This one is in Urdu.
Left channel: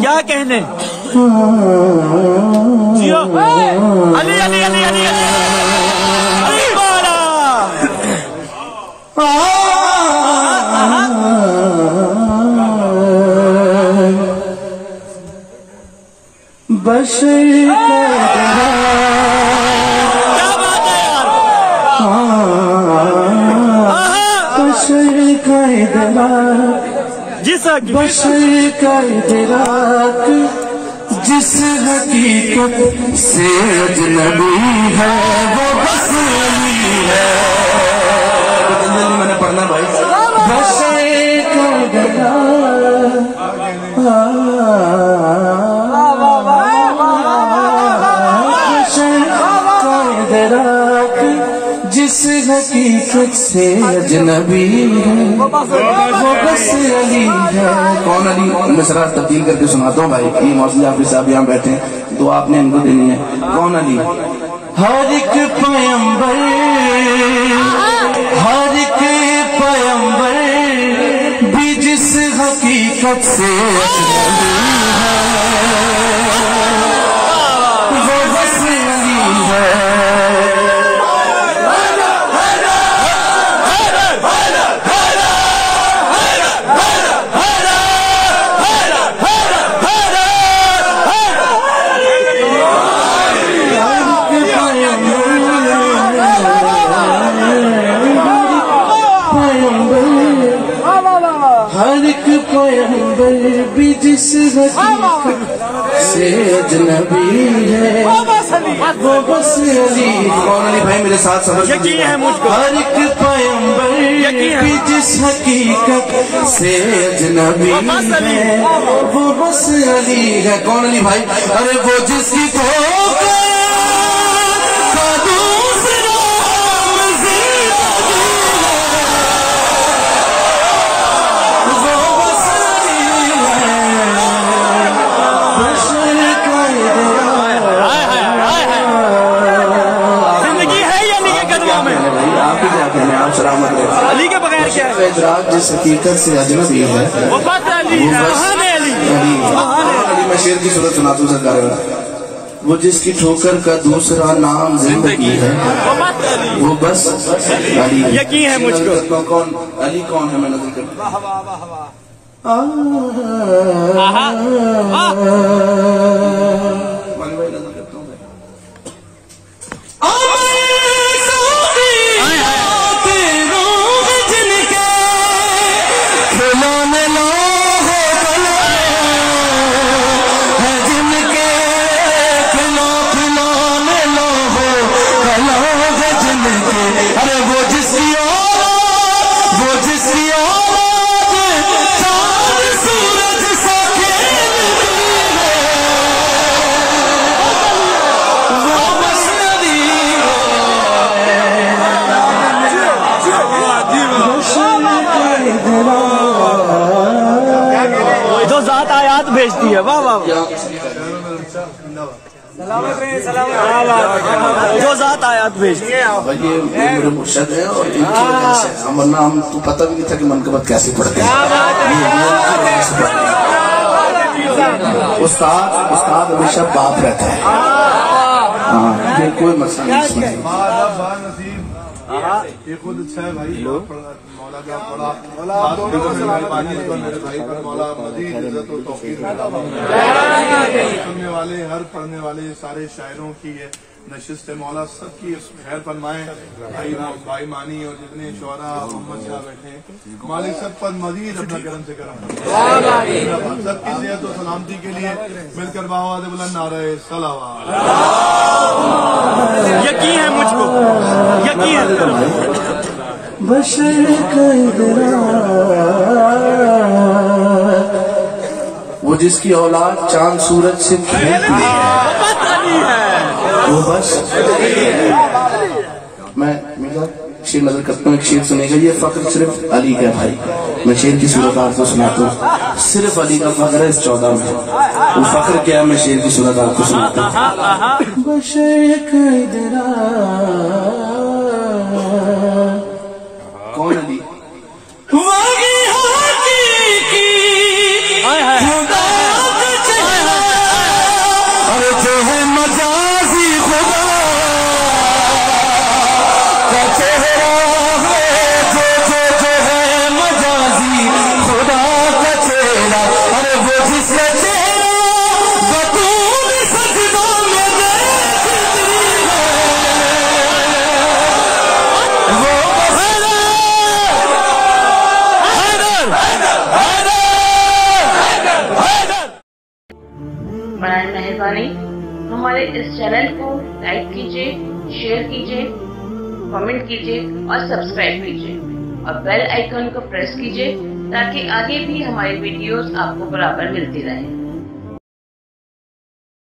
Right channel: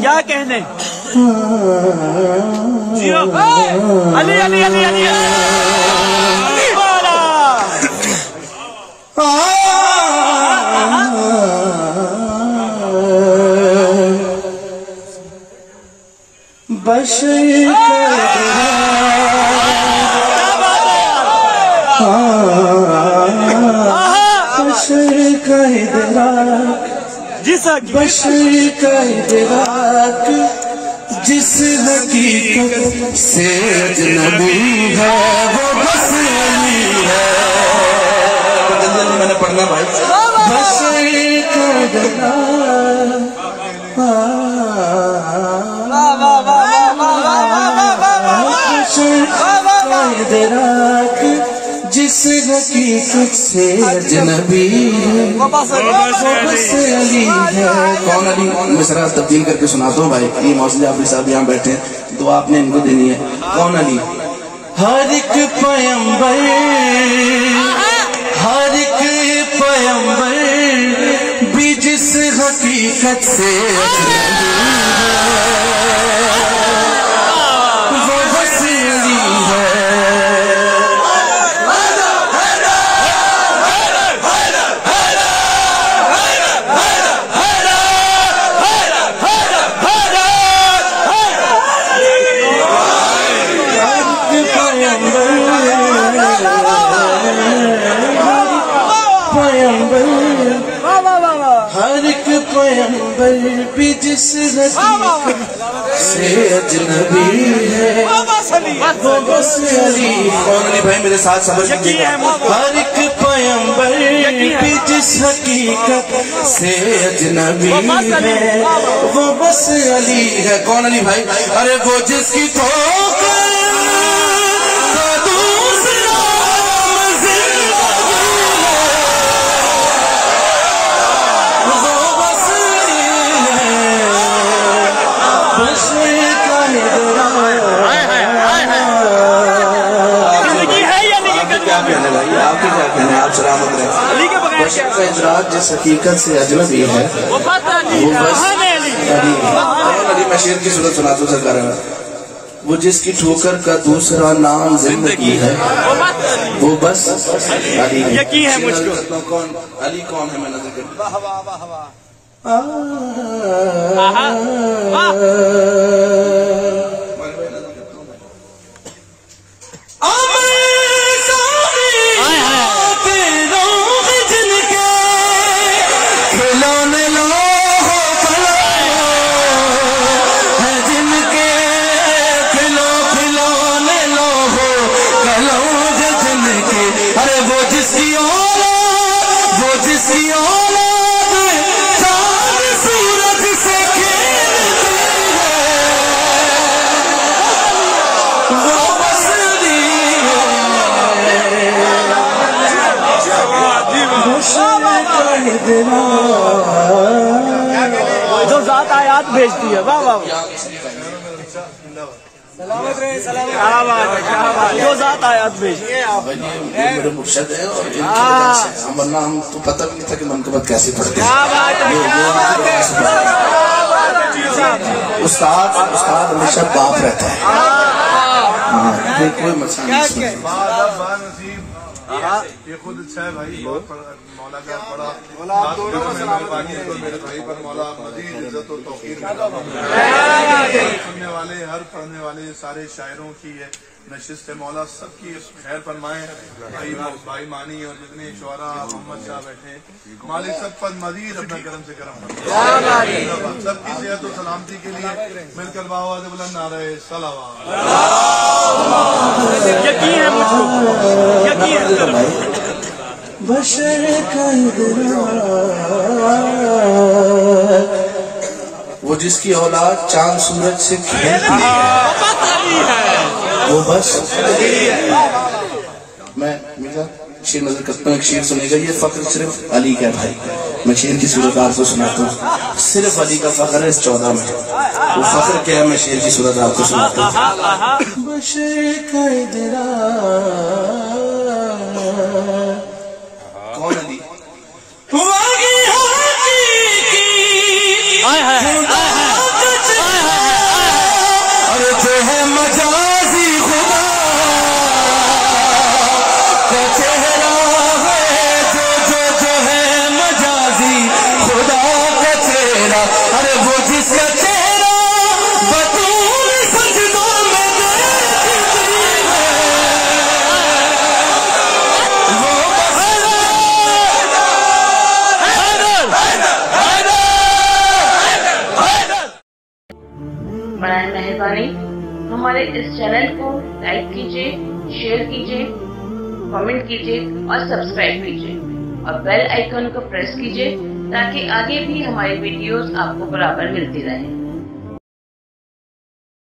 کیا کہنے جیو علی علی علی علی بشر کا ادراک بشر کا ادراک جس حقیقت سے اجنبی ہے وہ بس علی ہے. جلدی میں نے پڑھنا بھائی. بشر کا ادراک جس حقیقت سے اجنبی ہے وہ بس علی ہے. کون علی؟ مصرع تبدیل کر کے سناتا ہوں بھائی. یہ موسیقی حافظ صاحب یہاں بیٹھے ہیں تو آپ نے ان کو دینی ہے. کون علی؟ ہر ایک پیغمبر بھی جس حقیقت سے اجنبی ہے وہ بس علی ہے. ہر ایک پیغمبر بھی جس حقیقت سے اجنبی ہے وہ بس علی. کون علی بھائی میرے ساتھ صبر کیجیے گا. ہر ایک پیغمبر بھی جس حقیقت سے اجنبی ہے وہ بس علی ہے. کون علی بھائی؟ ارے وہ جس کی ادراک جس حقیقت سے اجنبی ہے وہ بس علی ہے. میں شعر کی صورت سناتا ہوں سرکار میں. وہ جس کی ٹھوکر کا دوسرا نام زندگی ہے وہ بس علی ہے. کون علی کون ہے؟ میں نظر کرتا جو ذات آیات بھیجتی ہے. واہ واہ وہ ذات آیات بھیجتی ہے. میرے مرشد ہیں اور ان کی وجہ سے ورنہ ہم تو پتہ بھی نہیں تھا کہ منقبت کیسے پڑھتے ہیں. استاد ہمیشہ باپ رہتا ہے. یہ کوئی مسئلہ نہیں. یہ خود اچھا ہے بھائی. مولا کا بڑا خاص مہربانی ہے میرے بھائی پر. مولا مزید عزت و توفیق سننے والے ہر پڑھنے والے سارے شاعروں کی نشست مولا سب کی خیر فرمائیں. بھائی مانی اور جتنے شعراء محمد شاہ بیٹھے ہیں مالک سب پر مزید اپنا کرم سے کرم فرمائیں. سب کی صحت و سلامتی کے لیے مل کر بآواز بلند نعرہ صلوات. یقین ہے مجھ کو یقین بشر کا وہ جس کی اولاد چاند سورج سے کھیلتی ہے وہ بس. میں میرا شیر نظر کرتا ہوں. ایک شیر سنے گا. یہ فخر صرف علی کا بھائی. میں شیر کی صورت آپ کو سناتا ہوں. صرف علی کا فخر ہے اس 14 میں. وہ فخر کیا ہے میں شیر کی صورت آپ کو سناتا ہوں. کون علی؟ برائے مہربانی ہمارے اس چینل کو لائک کیجیے، شیئر کیجیے، کمنٹ کیجیے اور سبسکرائب کیجیے اور بیل آئیکن کو پریس کیجیے تاکہ آگے بھی ہماری ویڈیوز آپ کو برابر ملتی رہیں.